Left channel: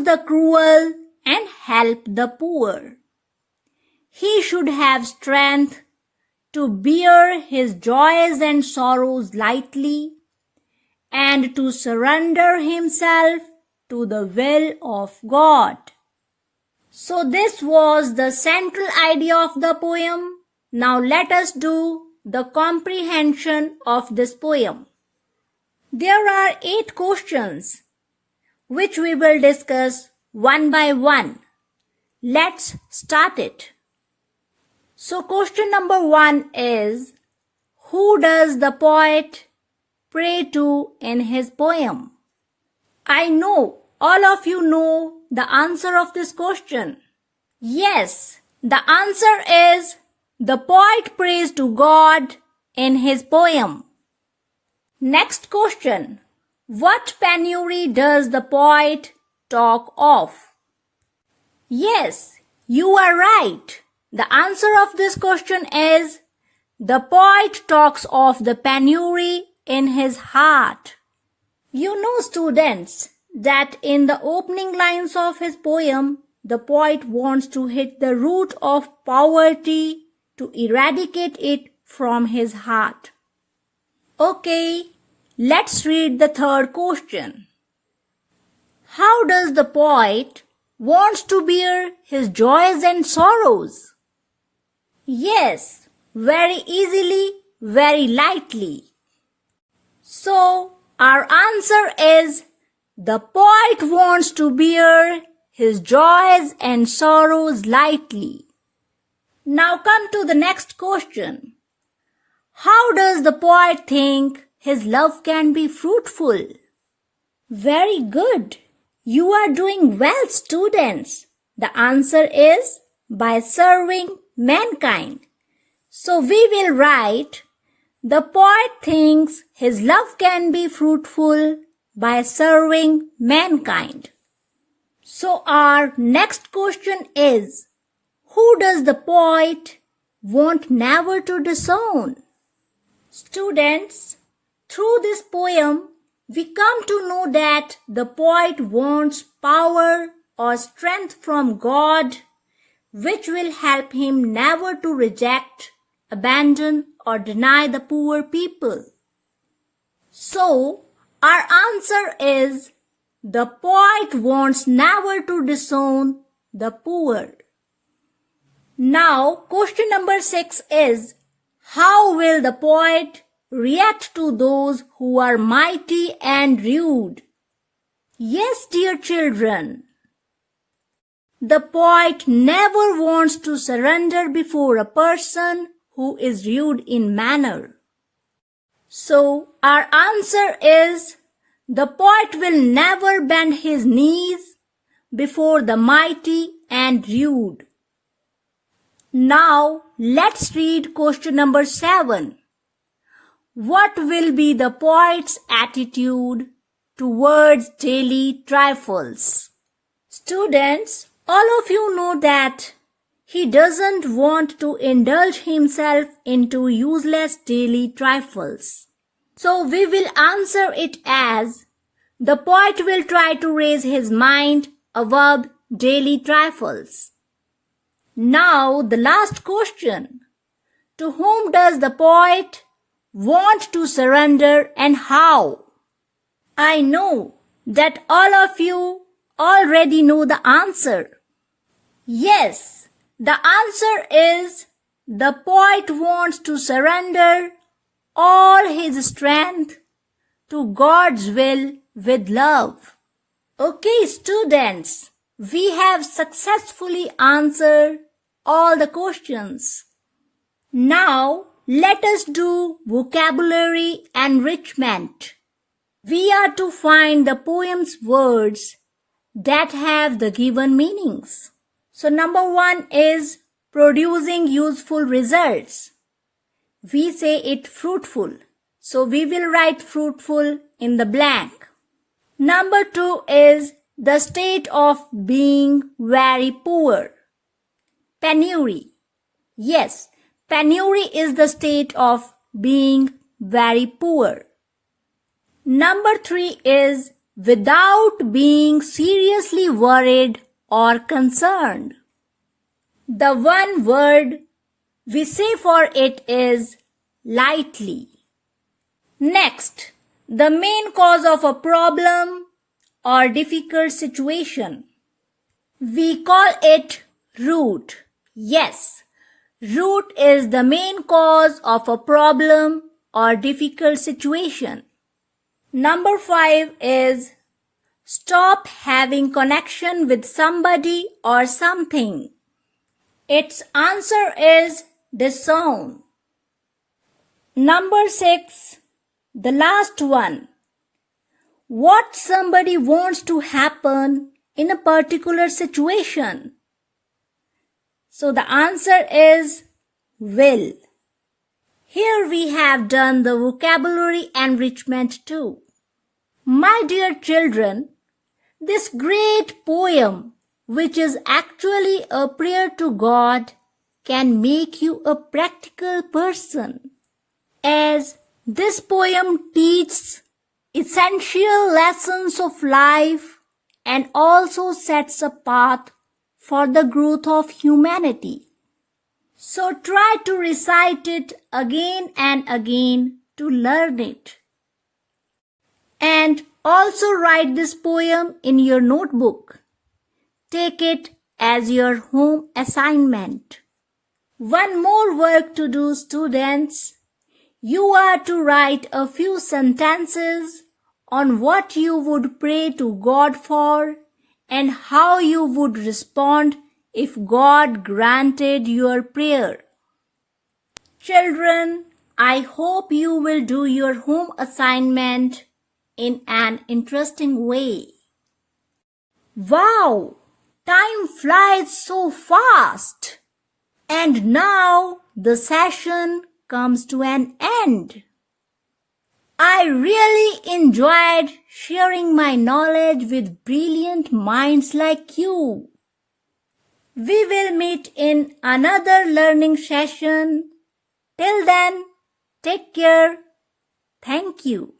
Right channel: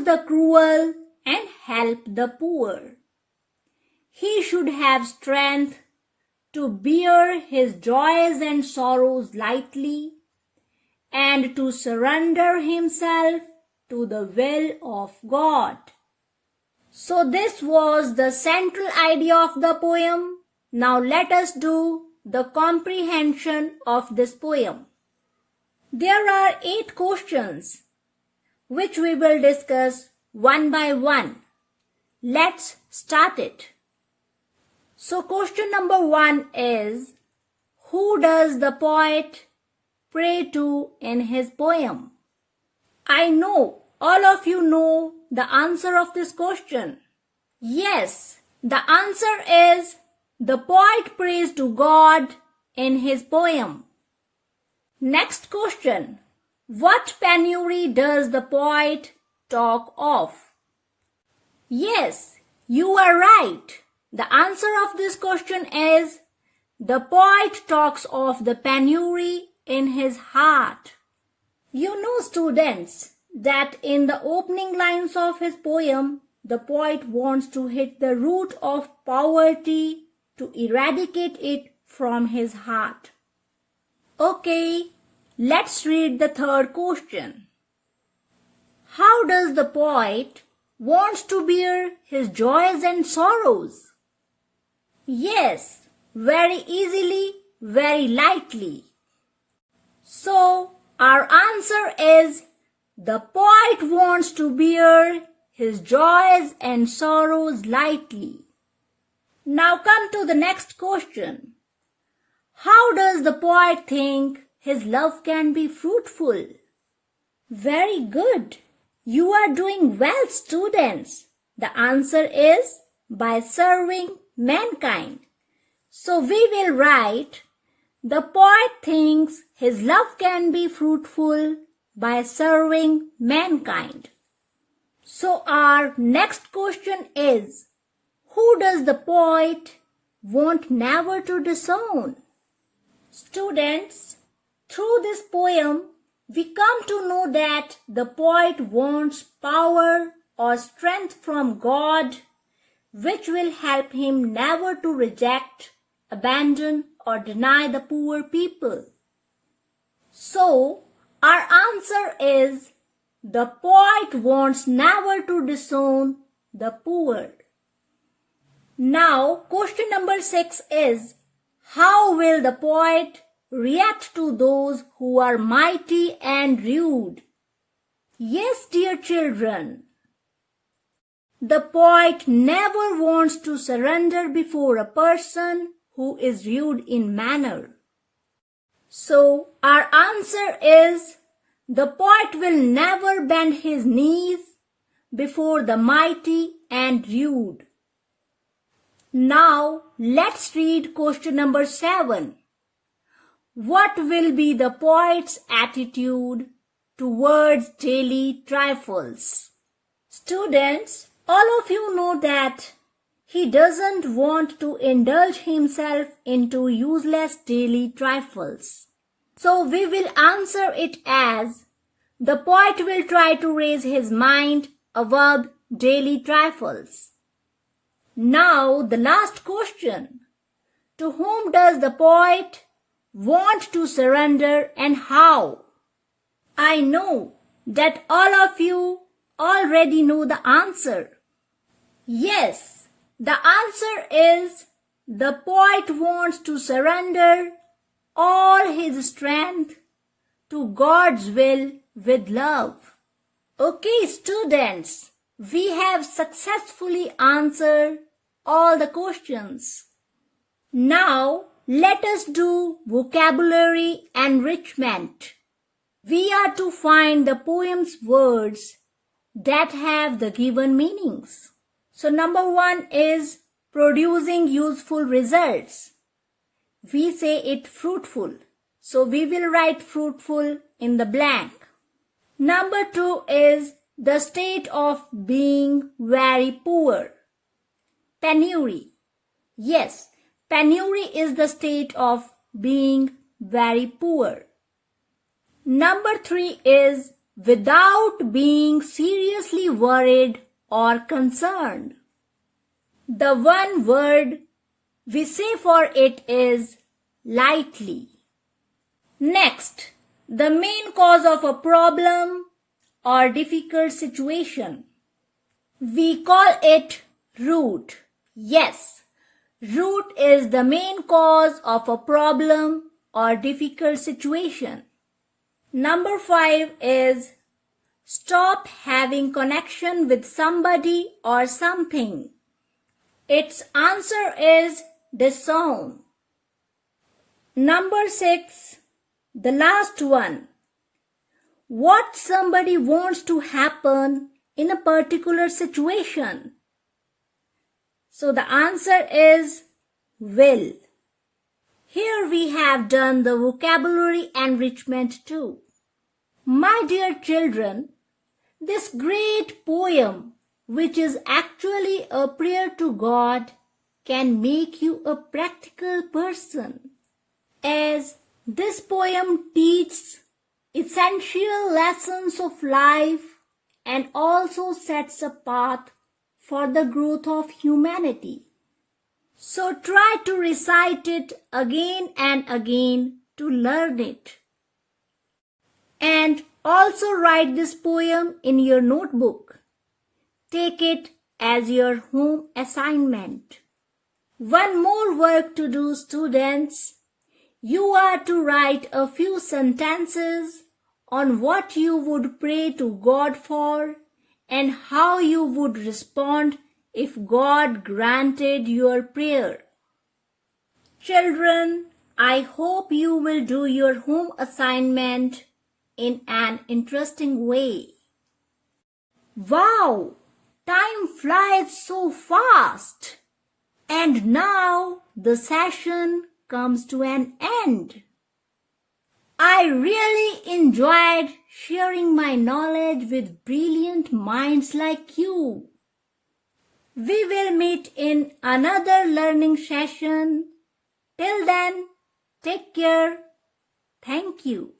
oppose the cruel and help the poor. He should have strength to bear his joys and sorrows lightly and to surrender himself to the will of God. So this was the central idea of the poem. Now let us do the comprehension of this poem. There are 8 questions which we will discuss one by one. Let's start it. So question number 1 is, who does the poet pray to in his poem? I know all of you know the answer of this question. Yes, the answer is the poet prays to God in his poem. Next question. What penury does the poet talk of? Yes, you are right. The answer of this question is the poet talks of the penury in his heart. You know, students, that in the opening lines of his poem, the poet wants to hit the root of poverty to eradicate it from his heart. Okay, let's read the third question. How does the poet want to bear his joys and sorrows? Yes, very easily, very lightly. So, our answer is the poet wants to bear his joys and sorrows lightly. Now come to the next question. How does the poet think his love can be fruitful? Very good. You are doing well, students. The answer is by serving mankind. So we will write, the poet thinks his love can be fruitful by serving mankind. So our next question is, who does the poet want never to disown? Students, through this poem, we come to know that the poet wants power or strength from God, which will help him never to reject, abandon, or deny the poor people. So, our answer is the poet wants never to disown the poor. Now, question number 6 is, how will the poet react to those who are mighty and rude? Yes, dear children, the poet never wants to surrender before a person who is rude in manner. So, our answer is the poet will never bend his knees before the mighty and rude. Now, let's read question number 7. What will be the poet's attitude towards daily trifles? Students, all of you know that he doesn't want to indulge himself into useless daily trifles. So we will answer it as, the poet will try to raise his mind above daily trifles. Now the last question. To whom does the poet want to surrender and how? I know that all of you already know the answer. Yes, the answer is the poet wants to surrender all his strength to God's will with love. Okay, students, we have successfully answered all the questions. Now, let us do vocabulary enrichment. We are to find the poem's words that have the given meanings. So number 1 is producing useful results. We say it fruitful. So we will write fruitful in the blank. Number 2 is the state of being very poor. Penury. Yes, penury is the state of being very poor. Number 3 is without being seriously worried or concerned. The one word we say for it is lightly. Next, the main cause of a problem or difficult situation. We call it root. Yes, root is the main cause of a problem or difficult situation. Number 5 is stop having connection with somebody or something. Its answer is disown. Number 6, the last one. What somebody wants to happen in a particular situation. So the answer is will. Here we have done the vocabulary enrichment too. My dear children, this great poem, which is actually a prayer to God, can make you a practical person, as this poem teaches essential lessons of life and also sets a path for the growth of humanity. So try to recite it again and again to learn it. And also write this poem in your notebook. Take it as your home assignment. One more work to do, students. You are to write a few sentences on what you would pray to God for and how you would respond if God granted your prayer. Children, I hope you will do your home assignment in an interesting way. Wow! Time flies so fast. And now the session comes to an end. I really enjoyed sharing my knowledge with brilliant minds like you. We will meet in another learning session. Till then, take care. Thank you.